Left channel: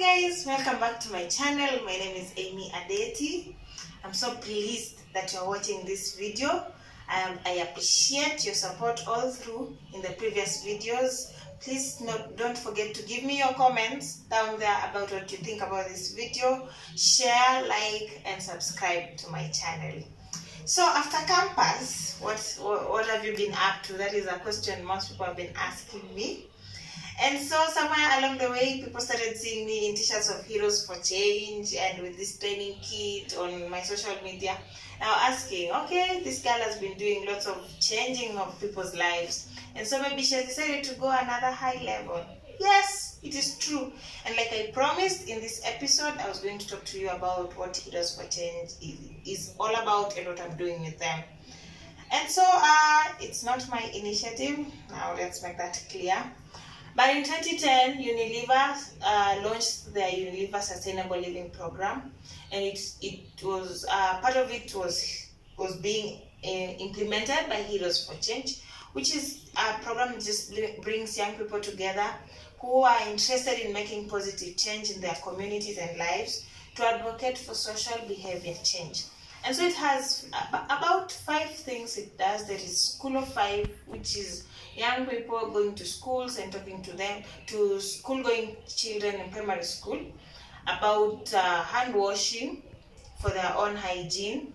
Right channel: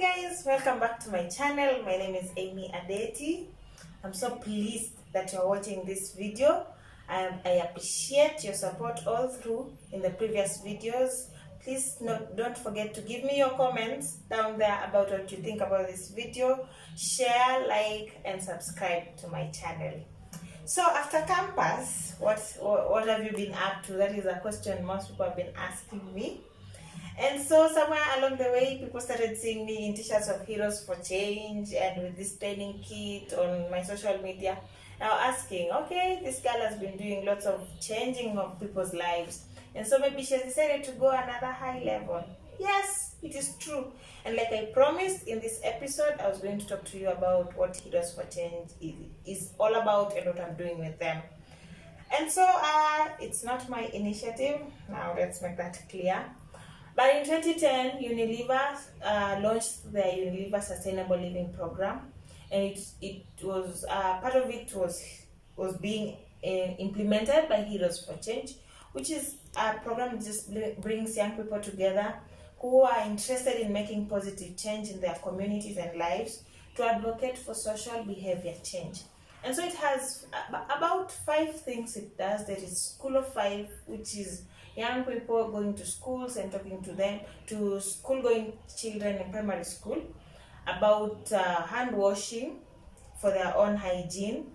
guys, welcome back to my channel. My name is Amy Adeti. I'm so pleased that you're watching this video. I appreciate your support all through in the previous videos. Please don't forget to give me your comments down there about what you think about this video. Share, like, and subscribe to my channel. So after campus, what have you been up to? That is a question most people have been asking me. And so somewhere along the way, people started seeing me in t-shirts of Heroes for Change and with this training kit on my social media. Now asking, okay, this girl has been doing lots of changing of people's lives. And so maybe she has decided to go another high level. Yes, it is true. And like I promised in this episode, I was going to talk to you about what Heroes for Change is all about and what I'm doing with them. And so it's not my initiative. Now let's make that clear. But in 2010, Unilever launched their Unilever Sustainable Living Program, and it was part of it was being implemented by Heroes for Change, which is a program that just brings young people together who are interested in making positive change in their communities and lives to advocate for social behavior change. And so it has about 5 things it does. There is School of 5, which is young people going to schools and talking to them, to school-going children in primary school, about hand washing for their own hygiene.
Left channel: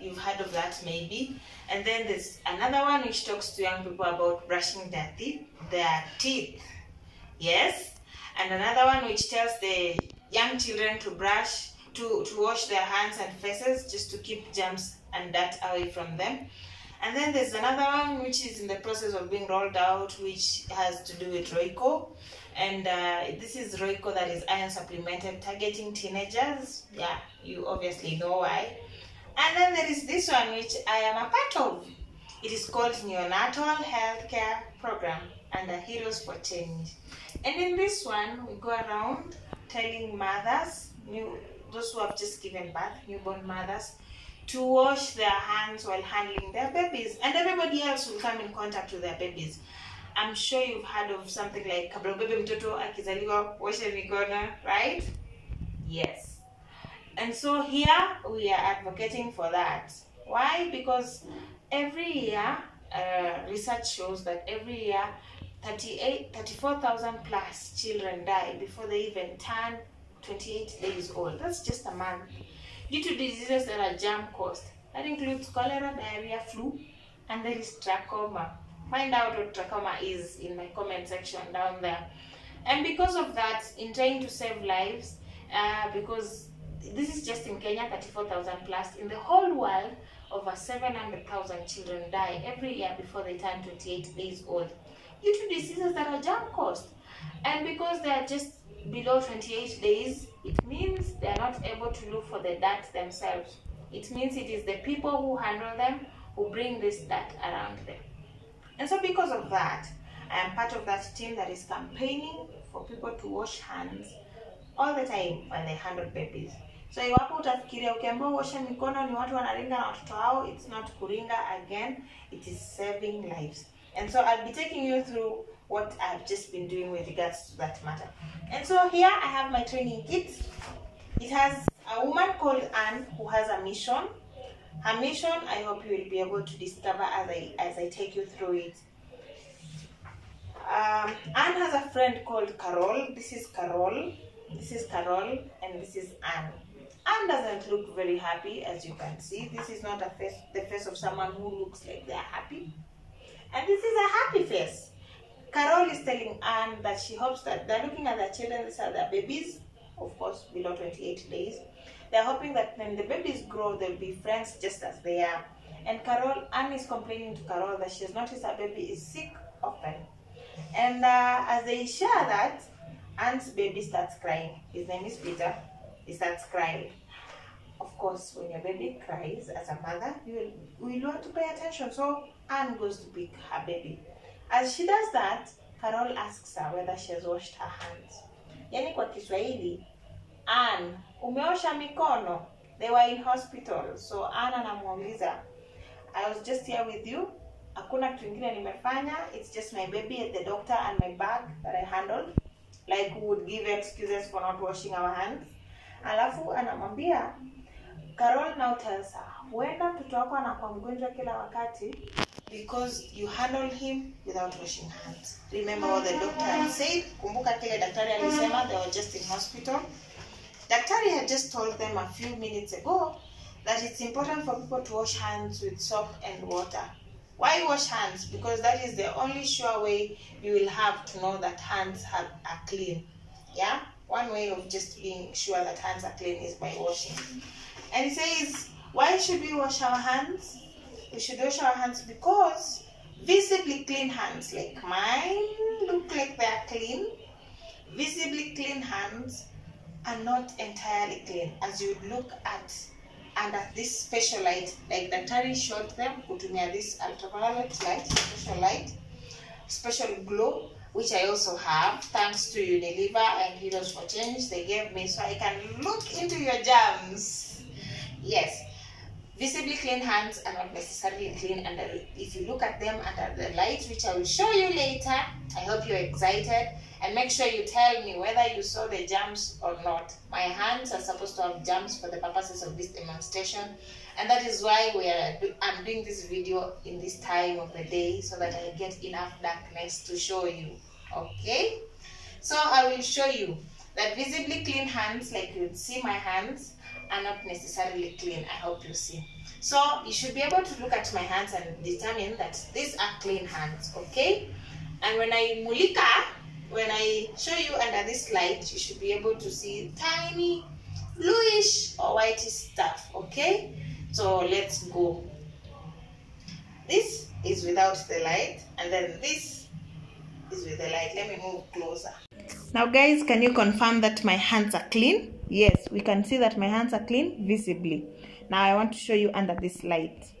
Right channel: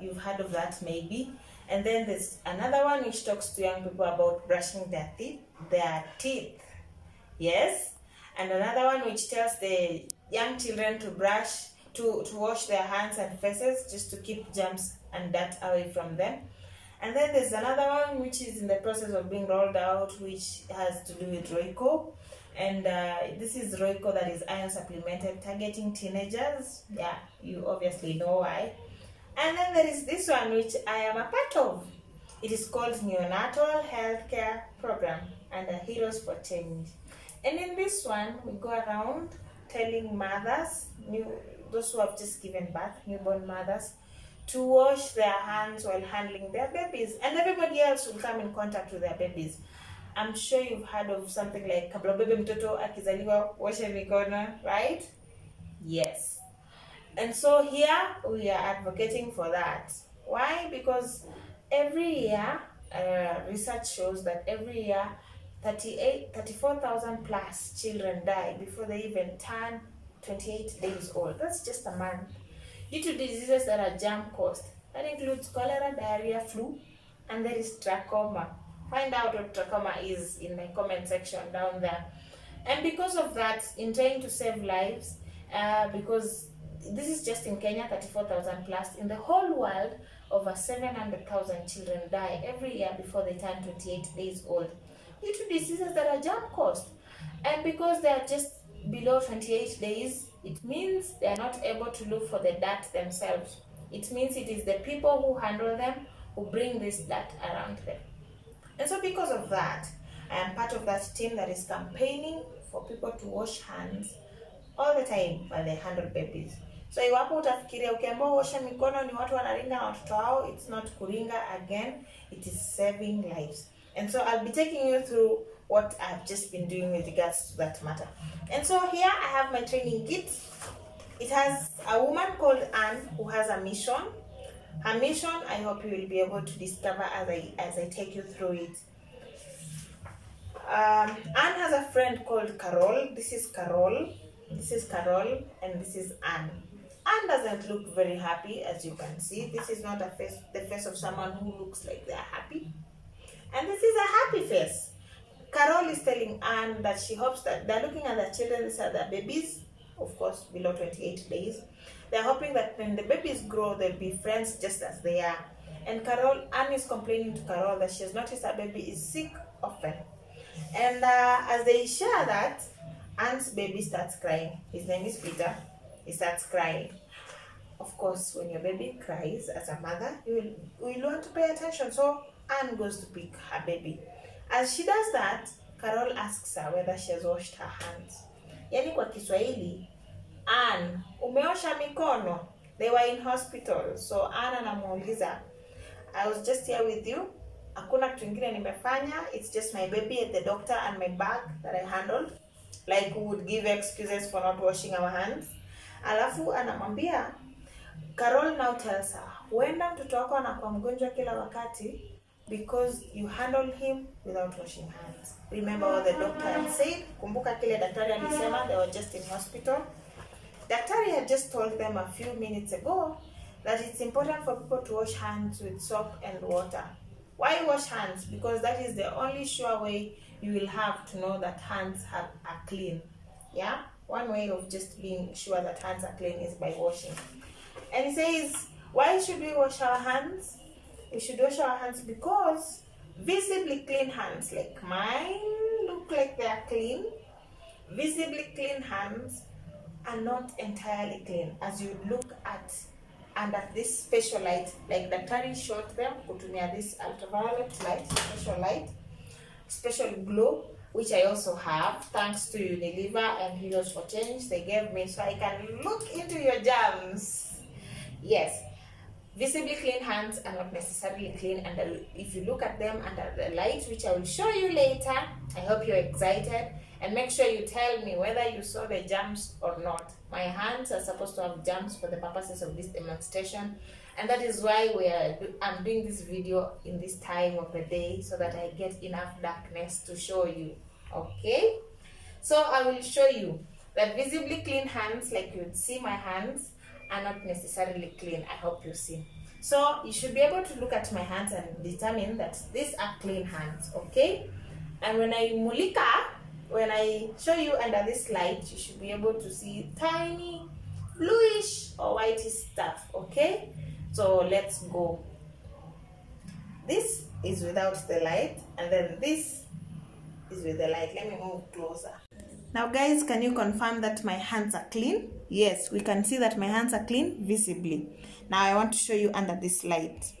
You've heard of that maybe. And then there's another one which talks to young people about brushing their teeth. Yes. And another one which tells the young children to wash their hands and faces just to keep germs and dirt away from them. And then there's another one which is in the process of being rolled out, which has to do with Roico. And this is Roico that is iron supplemented, targeting teenagers. Yeah, you obviously know why. And then there is this one which I am a part of. It is called Neonatal Healthcare Program under Heroes for Change. And in this one, we go around telling mothers, those who have just given birth, newborn mothers, to wash their hands while handling their babies, and everybody else will come in contact with their babies. I'm sure you've heard of something like kabla bebe mtoto akizaliwa osha mikono, right? Yes. And so here we are advocating for that. Why? Because every year, research shows that every year 34,000 plus children die before they even turn 28 days old. That's just a month. Due to diseases that are germ caused. That includes cholera, diarrhea, flu, and there is trachoma. Find out what trachoma is in my comment section down there. And because of that, in trying to save lives, because this is just in Kenya, 34,000 plus, in the whole world, over 700,000 children die every year before they turn 28 days old due to diseases that are germ caused. And because they are just below 28 days, it means they are not able to look for the dirt themselves. It means it is the people who handle them who bring this dirt around them. And so because of that, I am part of that team that is campaigning for people to wash hands all the time while they handle babies. So iwapo utafikiria ukiambiwa uoshe mikono ni watu wanaringa na watoto wao, it's not kuringa. Again, it is saving lives. And so I'll be taking you through what I've just been doing with regards to that matter. And so here I have my training kit. It has a woman called Anne who has a mission. Her mission, I hope you will be able to discover as I take you through it. Anne has a friend called Carol. This is Carol, and this is Anne. Anne doesn't look very happy, as you can see. This is not the face of someone who looks like they are happy. And this is a happy face. Carol is telling Anne that she hopes that they're looking at their children, these are their babies, of course, below 28 days. They're hoping that when the babies grow, they'll be friends just as they are. And Anne is complaining to Carol that she has noticed her baby is sick often. And as they share that, Anne's baby starts crying. His name is Peter. He starts crying. Of course, when your baby cries, as a mother, you will want to pay attention. So Anne goes to pick her baby. As she does that, Carol asks her whether she has washed her hands. Yani kwa Kiswahili, Anne, umeosha mikono? They were in hospital. So Anne anamuuliza, I was just here with you. Hakuna kitu kingine nimefanya. It's just my baby at the doctor and my bag that I handled. like we would give excuses for not washing our hands. Alafu anamwambia, Carol now tells her, huenda mtoto wako anakuwa mgonjwa kila wakati because you handle him without washing hands. Remember what the doctor had said? Kumbuka kile daktari alisema, they were just in hospital. Daktari had just told them a few minutes ago that it's important for people to wash hands with soap and water. Why wash hands? Because that is the only sure way you will have to know that hands are clean. Yeah? One way of just being sure that hands are clean is by washing. And he says, why should we wash our hands? We should wash our hands because visibly clean hands, like mine, look like they are clean. Visibly clean hands are not entirely clean. As you look at under this special light, like the Daktari showed them, kutumia this ultraviolet light, special glow, which I also have, thanks to Unilever and Heroes for Change. They gave me so I can look into your germs. Yes, visibly clean hands are not necessarily clean, and if you look at them under the light, which I will show you later, I hope you're excited, and make sure you tell me whether you saw the germs or not. My hands are supposed to have germs for the purposes of this demonstration, and that is why I'm doing this video in this time of the day, so that I get enough darkness to show you. Okay, so I will show you that visibly clean hands, like you would see my hands, are not necessarily clean. I hope you see. So you should be able to look at my hands and determine that these are clean hands, okay? And when I show you under this light, you should be able to see tiny bluish or whitish stuff, okay? So let's go. This is without the light, and then this is with the light. Let me move closer. Now guys, can you confirm that my hands are clean? Yes, we can see that my hands are clean visibly. Now I want to show you under this light.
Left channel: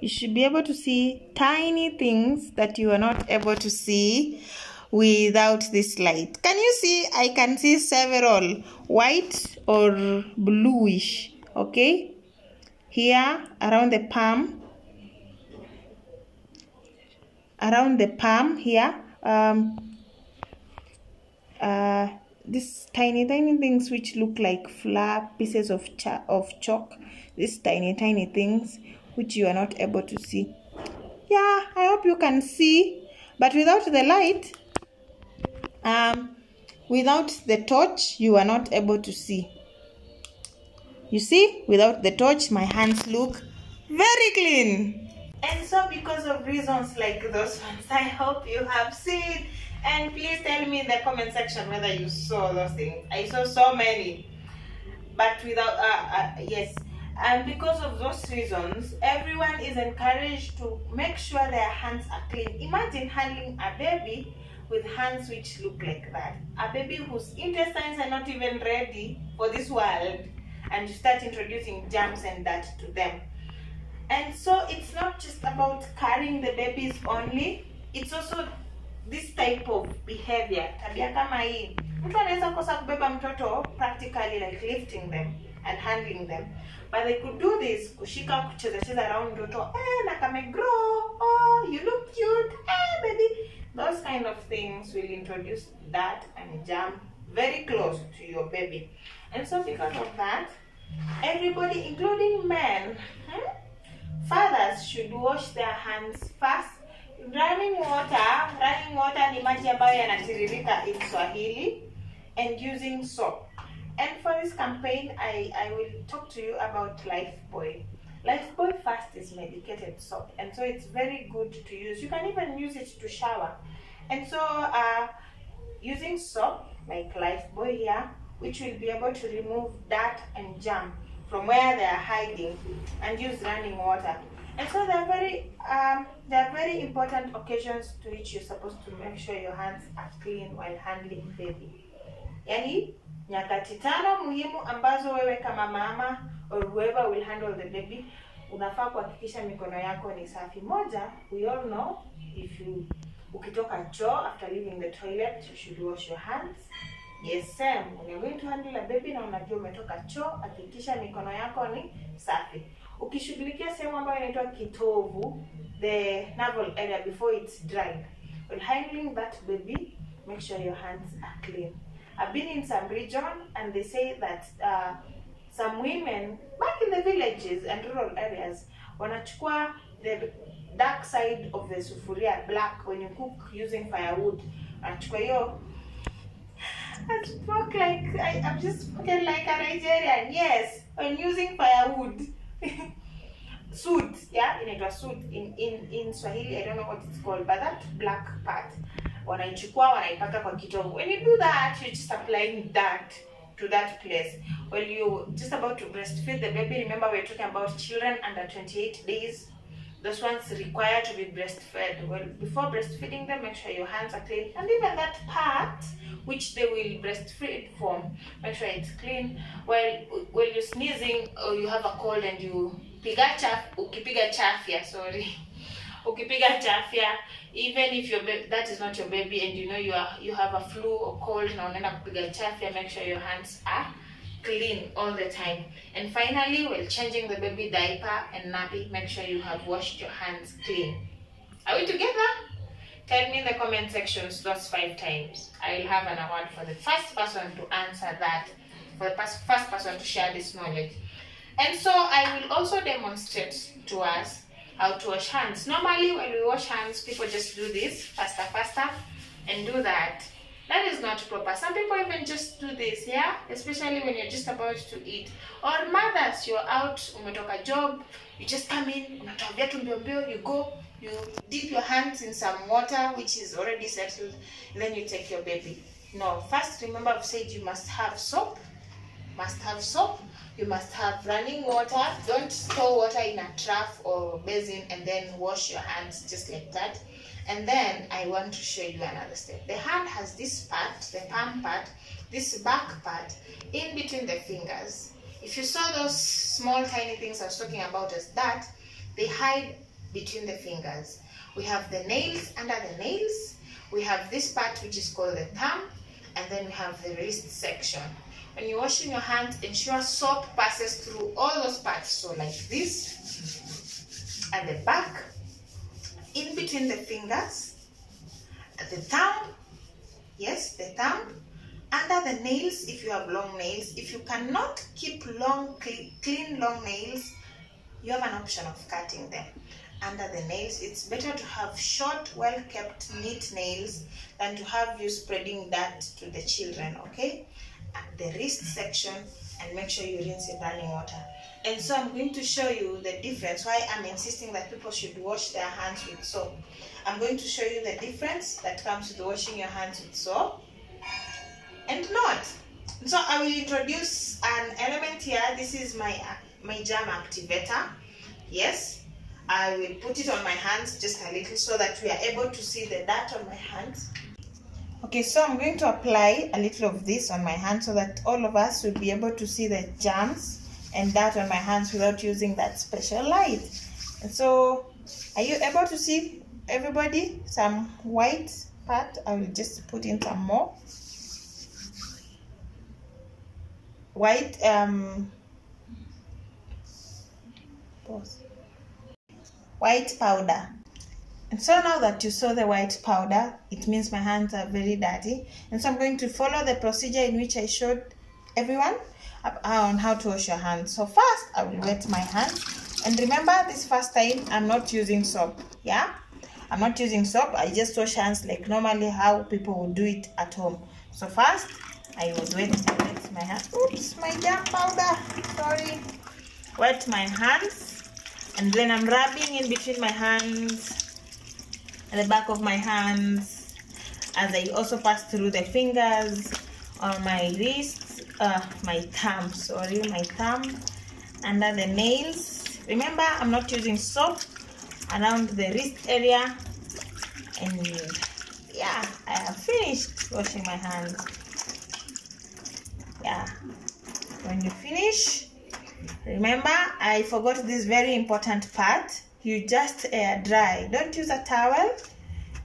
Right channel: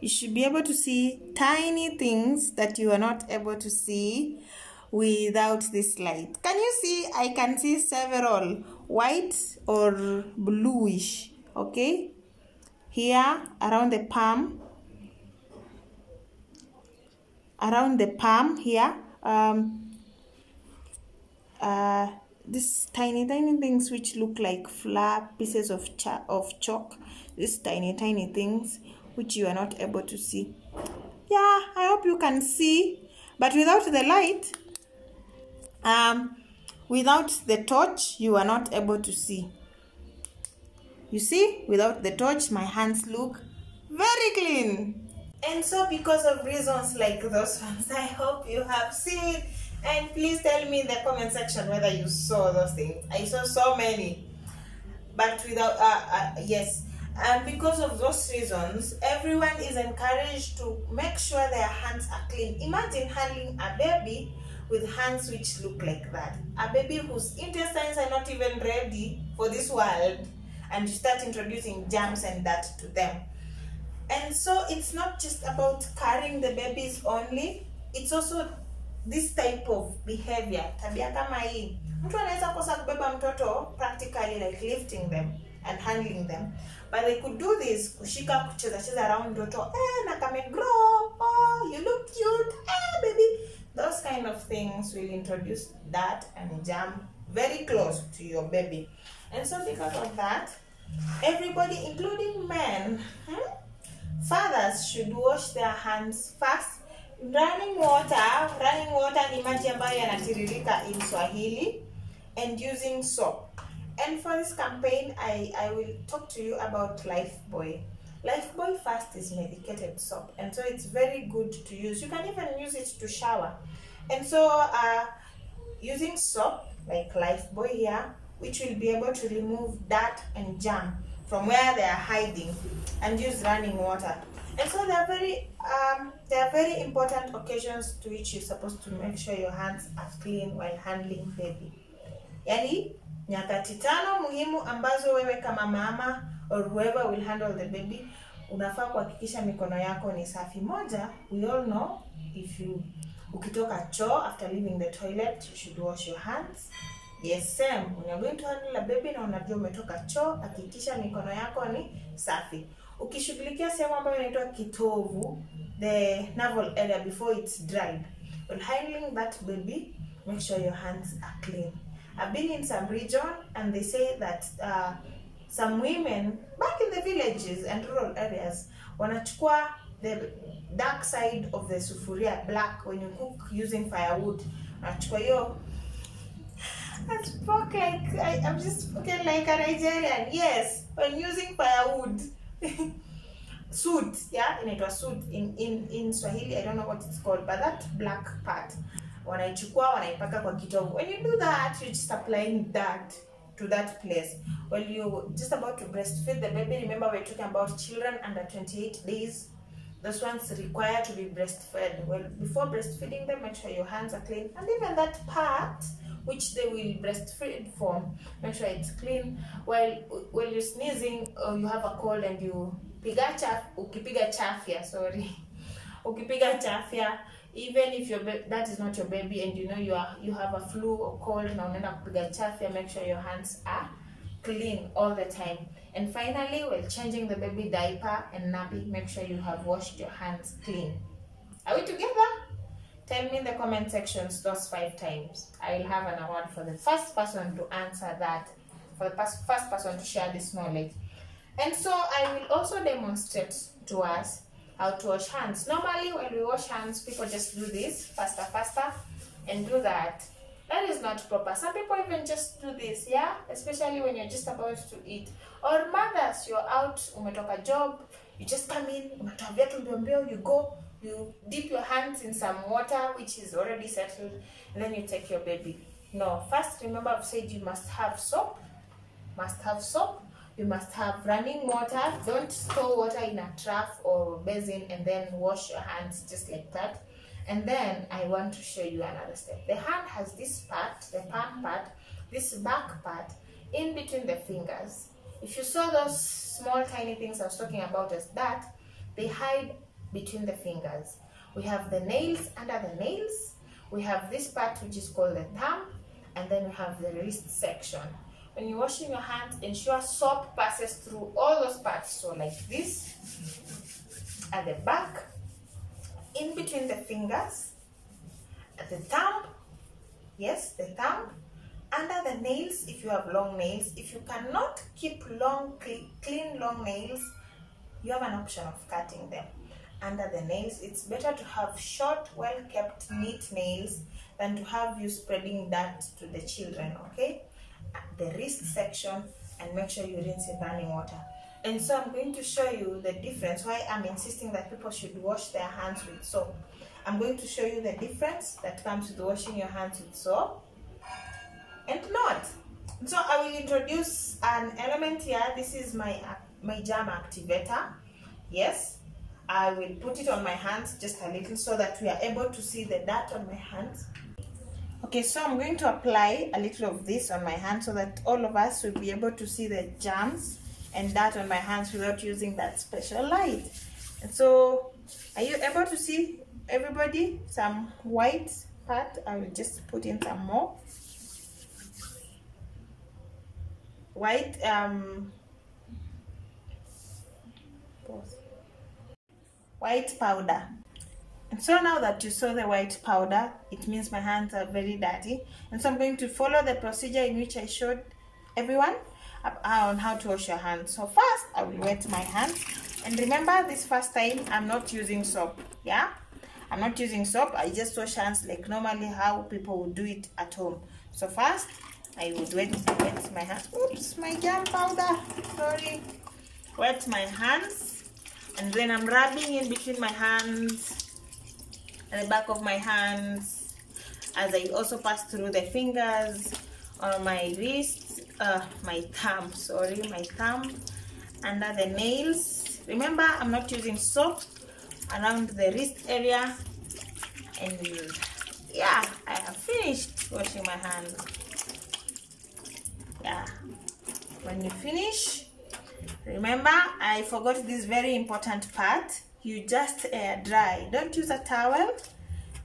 You should be able to see tiny things that you are not able to see without this light. Can you see? I can see several white or bluish, okay? Here around the palm here, these tiny things which look like flat pieces of chalk, these tiny things which you are not able to see. Yeah, I hope you can see, but without the light, without the torch, you are not able to see. You see, without the torch, my hands look very clean. And so because of reasons like those ones, I hope you have seen, and please tell me in the comment section whether you saw those things. I saw so many, but without yes, and because of those reasons, everyone is encouraged to make sure their hands are clean. Imagine handling a baby with hands which look like that, a baby whose intestines are not even ready for this world, and you start introducing germs and dirt to them. And so it's not just about carrying the babies only, it's also this type of behavior. Tabia kama hii. Mtu anaweza kosa kubeba mtoto practically, like lifting them and handling them. But they could do this, kushika kucheza around mtoto, na kame grow, oh, you look cute, baby. Those kind of things will introduce dirt and germ very close to your baby. And so because of that, everybody, including men, fathers should wash their hands first. Running water ni maji ambayo yanatiririka in Swahili, and using soap. And for this campaign, I will talk to you about Lifebuoy. Lifebuoy first is medicated soap, and so it's very good to use. You can even use it to shower. And so using soap like Lifebuoy here, which will be able to remove dirt and germ from where they are hiding, and use running water. And so there are very important occasions to which you're supposed to make sure your hands are clean while handling baby. Yani nyakati tano muhimu ambazo wewe kama mama or whoever will handle the baby unafaa kuhakikisha mikono yako ni safi. Moja, we all know, ukitoka choo after leaving the toilet, you should wash your hands. Yes, same. When you're going to handle a baby na unajua umetoka choo, hakikisha mikono yako ni safi. Ukishughulikia sehemu ambayo inaitwa kitovu, the navel area, before it's dried, while handling that baby, make sure your hands are clean. I've been in some region and they say that some women back in the villages and rural areas wanachukua the dark side of the sufuria, black, when you cook using firewood. Wanachukua hiyo. I spoke like I'm just spoken like a Nigerian. Yes, when using firewood. Soot, yeah, inaitwa soot in Swahili. I don't know what it's called, but that black part, wanaichukua wanaipaka kwa kitovu. When you do that, you're just applying that to that place. Well, you're just about to breastfeed the baby. Remember, we're talking about children under 28 days. Those ones require to be breastfed. Well, before breastfeeding them, make sure your hands are clean, and even that part which they will breastfeed from, make sure it's clean. While you're sneezing or you have a cold and you ukipiga chafya, even if that is not your baby and you know you have a flu or cold, na unaenda kupiga chafya, make sure your hands are clean all the time. And finally, while changing the baby diaper and nappy, make sure you have washed your hands clean. Are we together? Tell me in the comment sections those 5 times. I will have an award for the first person to answer that, for the first person to share this knowledge. And so I will also demonstrate to us how to wash hands. Normally when we wash hands, people just do this faster and do that. That is not proper. Some people even just do this, yeah, especially when you're just about to eat. Or mothers, you're out, umetoka job, you just come in, unatoa viatu mbio mbio, you go, you dip your hands in some water which is already settled, and then you take your baby. No, first remember I've said you must have soap. You must have running water. Don't store water in a trough or basin and then wash your hands just like that. And then I want to show you another step. The hand has this part, the palm part, this back part in between the fingers. If you saw those small tiny things I was talking about as that, they hide between the fingers. We have the nails under the nails. We have this part which is called the thumb, and then we have the wrist section. When you're washing your hands, ensure soap passes through all those parts. So like this, at the back, in between the fingers, at the thumb, yes, the thumb, under the nails if you have long nails. If you cannot keep clean long nails, you have an option of cutting them. Under the nails, it's better to have short, well-kept, neat nails than to have you spreading that to the children, okay? The wrist section, and make sure you rinse in running water. And so I'm going to show you the difference, why I'm insisting that people should wash their hands with soap. I'm going to show you the difference that comes with washing your hands with soap and not. So I will introduce an element here. This is my germ activator. Yes, I will put it on my hands just a little so that we are able to see the dirt on my hands. Okay, so I'm going to apply a little of this on my hand so that all of us will be able to see the germs and dirt on my hands without using that special light. And so, are you able to see, everybody, some white part? I will just put in some more white white powder. And so now that you saw the white powder, it means my hands are very dirty. And so I'm going to follow the procedure in which I showed everyone on how to wash your hands. So first, I will wet my hands. And remember, this first time, I'm not using soap. Yeah? I'm not using soap. I just wash hands like normally how people would do it at home. So first, I would wet my hands. Oops, my germ powder. Sorry. Wet my hands. And then I'm rubbing in between my hands, at the back of my hands, as I also pass through the fingers on my wrists, my thumb, under the nails. Remember, I'm not using soap, around the wrist area. And yeah, I have finished washing my hands. Yeah, when you finish, remember, I forgot this very important part. You just air dry. Don't use a towel.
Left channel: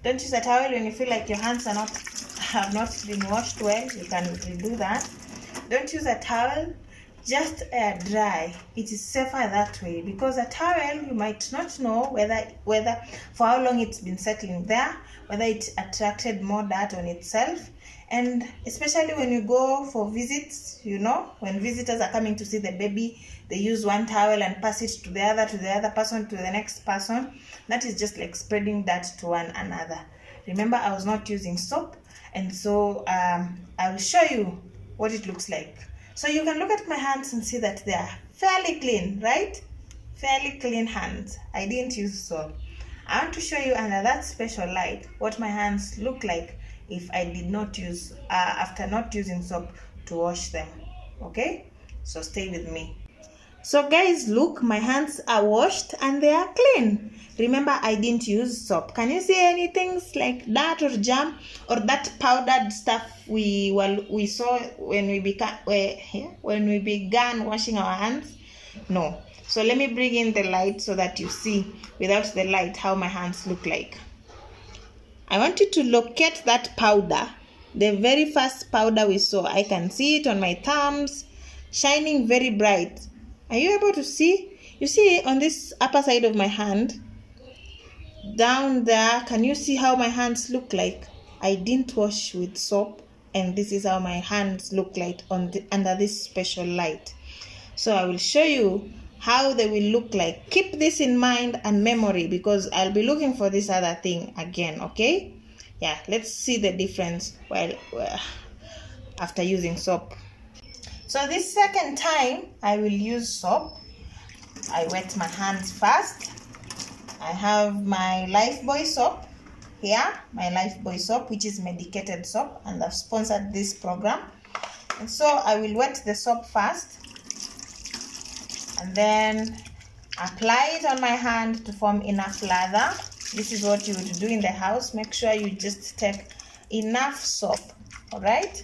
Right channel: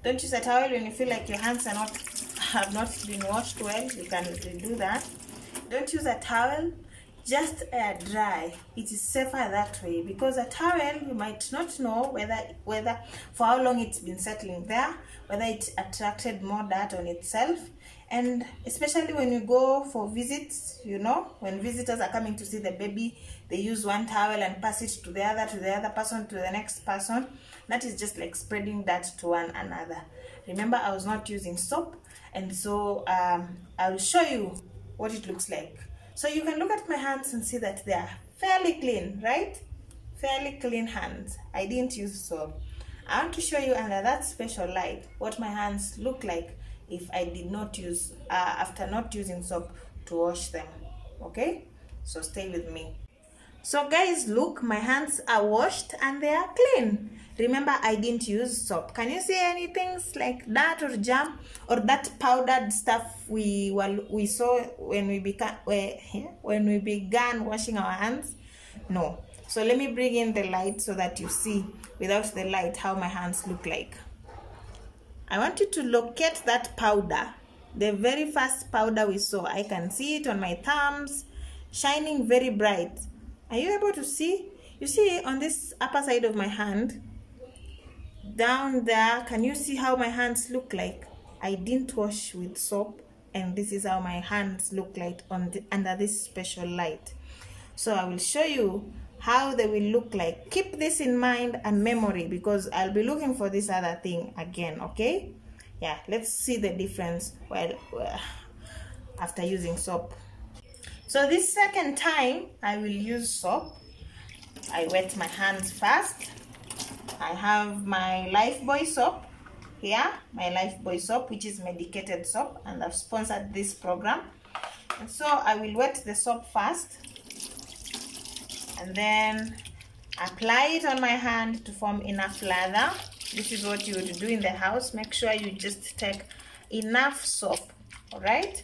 Don't use a towel when you feel like your hands have not been washed well. You can redo that. Don't use a towel. just air dry. It is safer that way, because a towel, you might not know whether for how long it's been settling there, whether it attracted more dirt on itself. And especially when you go for visits, you know, when visitors are coming to see the baby, they use one towel and pass it to the other person, to the next person. That is just like spreading dirt to one another. Remember, I was not using soap, and so I will show you what it looks like. So you can look at my hands and see that they are fairly clean, right? Fairly clean hands. I didn't use soap. I want to show you under that special light what my hands look like if I did not use, after not using soap to wash them. Okay? So stay with me. So guys, look, my hands are washed and they are clean. Remember, I didn't use soap. Can you see any things like that or jam or that powdered stuff we saw when we began washing our hands? No. So let me bring in the light so that you see without the light how my hands look like. I want you to locate that powder, the very first powder we saw. I can see it on my thumbs, shining very bright. Are you able to see? You see on this upper side of my hand, down there, can you see how my hands look like? I didn't wash with soap, and this is how my hands look like under this special light. So I will show you how they will look like. Keep this in mind and memory, because I'll be looking for this other thing again, okay? Yeah, let's see the difference after using soap. So this second time I will use soap. I wet my hands first. I have my Lifebuoy soap here, my Lifebuoy soap, which is medicated soap, and I've sponsored this program. And so I will wet the soap first and then apply it on my hand to form enough lather. This is what you would do in the house. Make sure you just take enough soap, all right?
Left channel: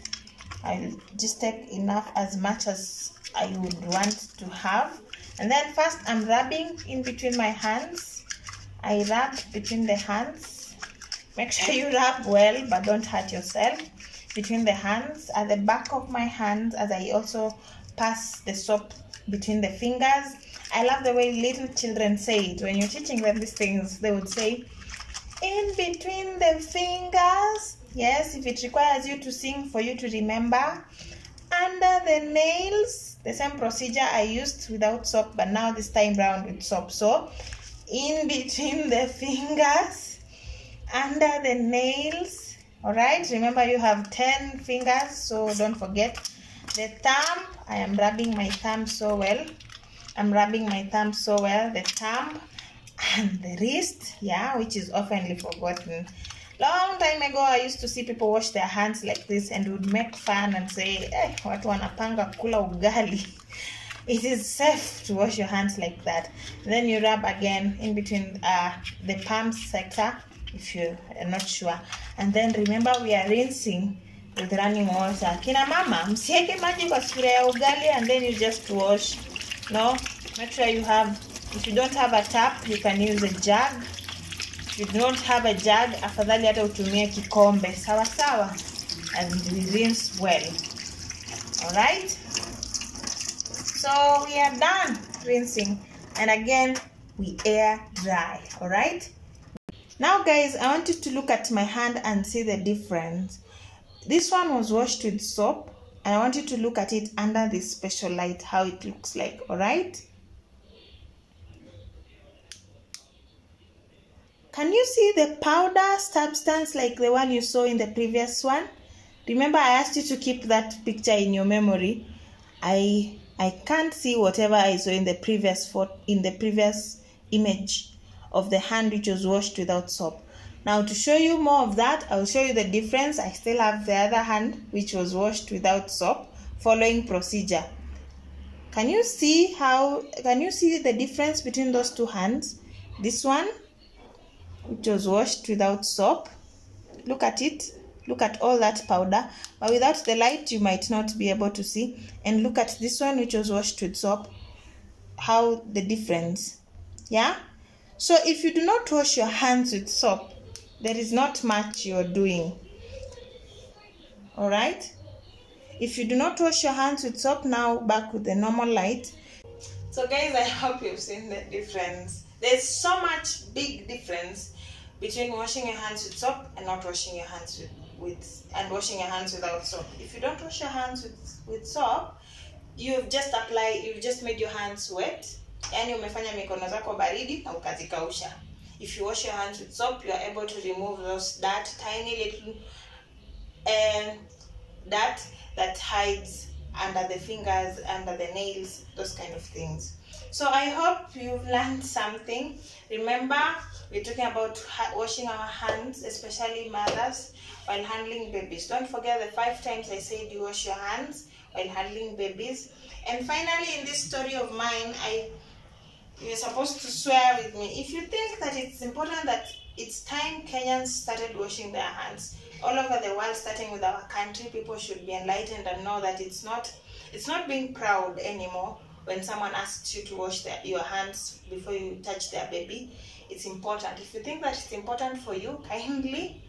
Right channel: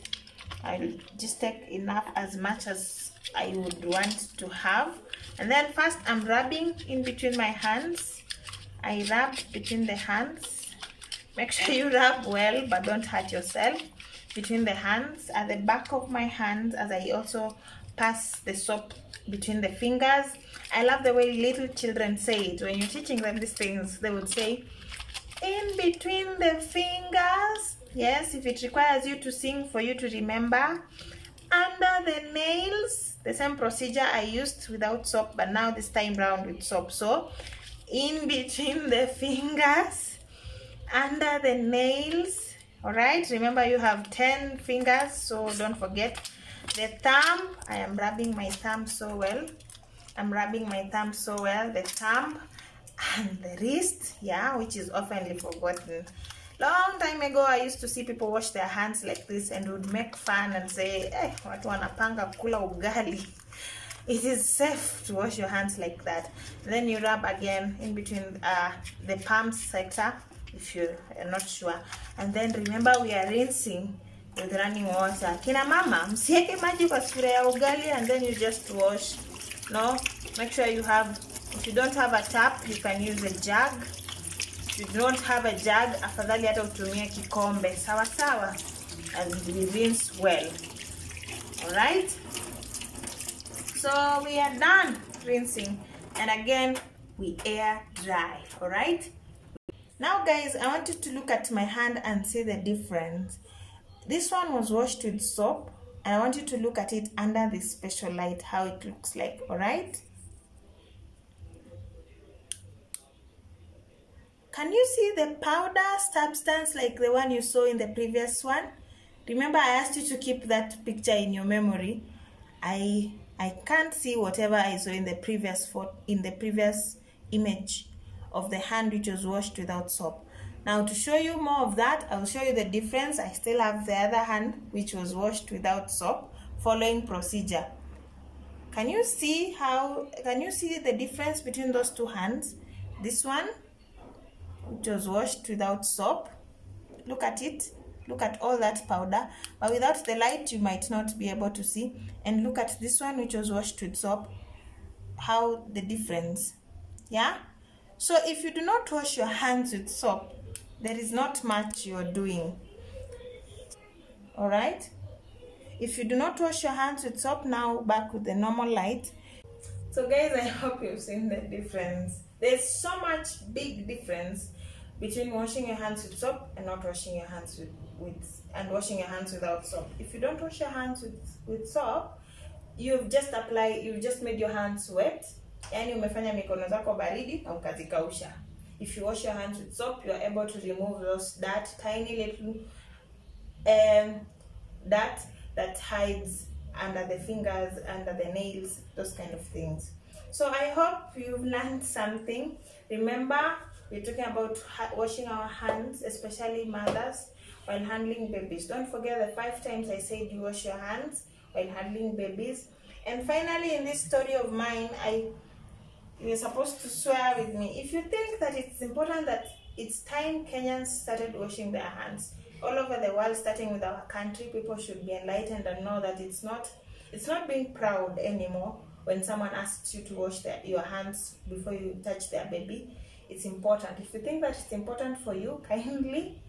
I'll just take enough, as much as I would want to have. And then first I'm rubbing in between my hands. I rub between the hands. Make sure you rub well, but don't hurt yourself. Between the hands, at the back of my hands, as I also pass the soap between the fingers. I love the way little children say it. When you're teaching them these things, they would say, in between the fingers. Yes, if it requires you to sing for you to remember. Under the nails, the same procedure I used without soap, but now this time round with soap. So, in between the fingers, under the nails. All right, remember you have 10 fingers, so don't forget. The thumb, I am rubbing my thumb so well. I'm rubbing my thumb so well. The thumb and the wrist, yeah, which is oftenly forgotten. Long time ago, I used to see people wash their hands like this and would make fun and say, eh, watu wanapanga kula ugali. It is safe to wash your hands like that. Then you rub again in between the palm sector, if you are not sure. And then remember, we are rinsing with running water. Kina mama, msieke maji kwa sufuria ya ugali and then you just wash. No, make sure you have, if you don't have a tap, you can use a jug. If you don't have a jug, afadhali hata utumie kikombe. Sawa sawa. And we rinse well. Alright? So we are done rinsing. And again, we air dry. Alright? Now guys, I want you to look at my hand and see the difference. This one was washed with soap. And I want you to look at it under this special light, how it looks like, all right? Can you see the powder substance like the one you saw in the previous one? Remember, I asked you to keep that picture in your memory. I can't see whatever I saw in the previous image of the hand which was washed without soap. Now, to show you more of that, I will show you the difference. I still have the other hand which was washed without soap, following procedure. Can you see the difference between those two hands? This one, which was washed without soap. Look at it. Look at all that powder. But without the light, you might not be able to see. And look at this one, which was washed with soap. How the difference. Yeah? So if you do not wash your hands with soap, there is not much you're doing. Alright? If you do not wash your hands with soap, now back with the normal light. So guys, I hope you've seen the difference. There's so much big difference between washing your hands with soap and not washing your hands and washing your hands without soap. If you don't wash your hands with soap, you've just made your hands wet. Yani umefanya mikono zako baridi na ukazikausha. If you wash your hands with soap, you are able to remove those tiny little dirt that hides under the fingers, under the nails, those kind of things. So I hope you've learned something. Remember, we're talking about washing our hands, especially mothers, while handling babies. Don't forget the 5 times I said you wash your hands while handling babies. And finally, in this story of mine, you're supposed to swear with me. If you think that it's important that it's time Kenyans started washing their hands, all over the world, starting with our country, people should be enlightened and know that it's not being proud anymore when someone asks you to wash your hands before you touch their baby. It's important. If you think that it's important for you, kindly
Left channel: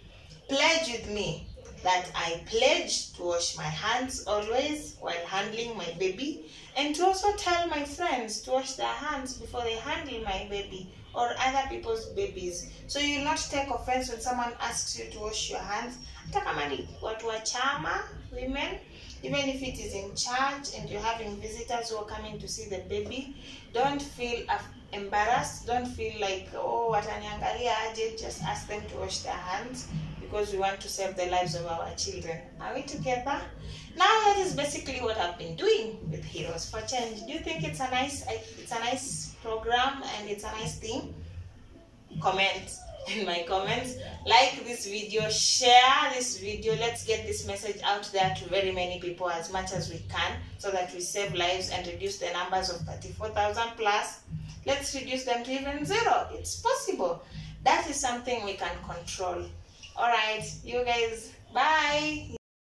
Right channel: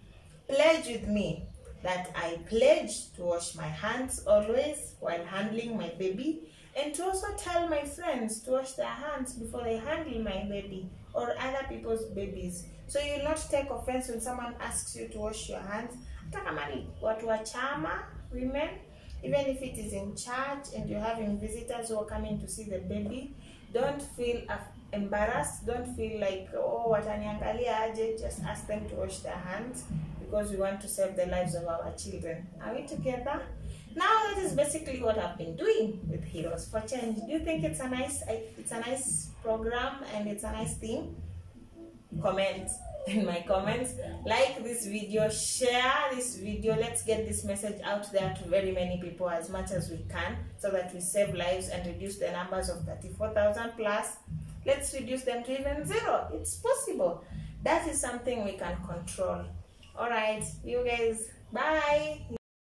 pledge with me that I pledge to wash my hands always while handling my baby, and to also tell my friends to wash their hands before they handle my baby or other people's babies. So you will not take offense when someone asks you to wash your hands. Hata kama ni watu wa chama, women, even if it is in church and you're having visitors who are coming to see the baby, don't feel embarrassed. Don't feel like, oh, wataniangalia aje. Just ask them to wash their hands because we want to save the lives of our children. Are we together? Now that is basically what I've been doing with Heroes for Change. Do you think it's a nice program and it's a nice thing? Comment in my comments, like this video, share this video. Let's get this message out there to very many people as much as we can, so that we save lives and reduce the numbers of 34,000 plus. Let's reduce them to even 0. It's possible. That is something we can control. All right, you guys, bye.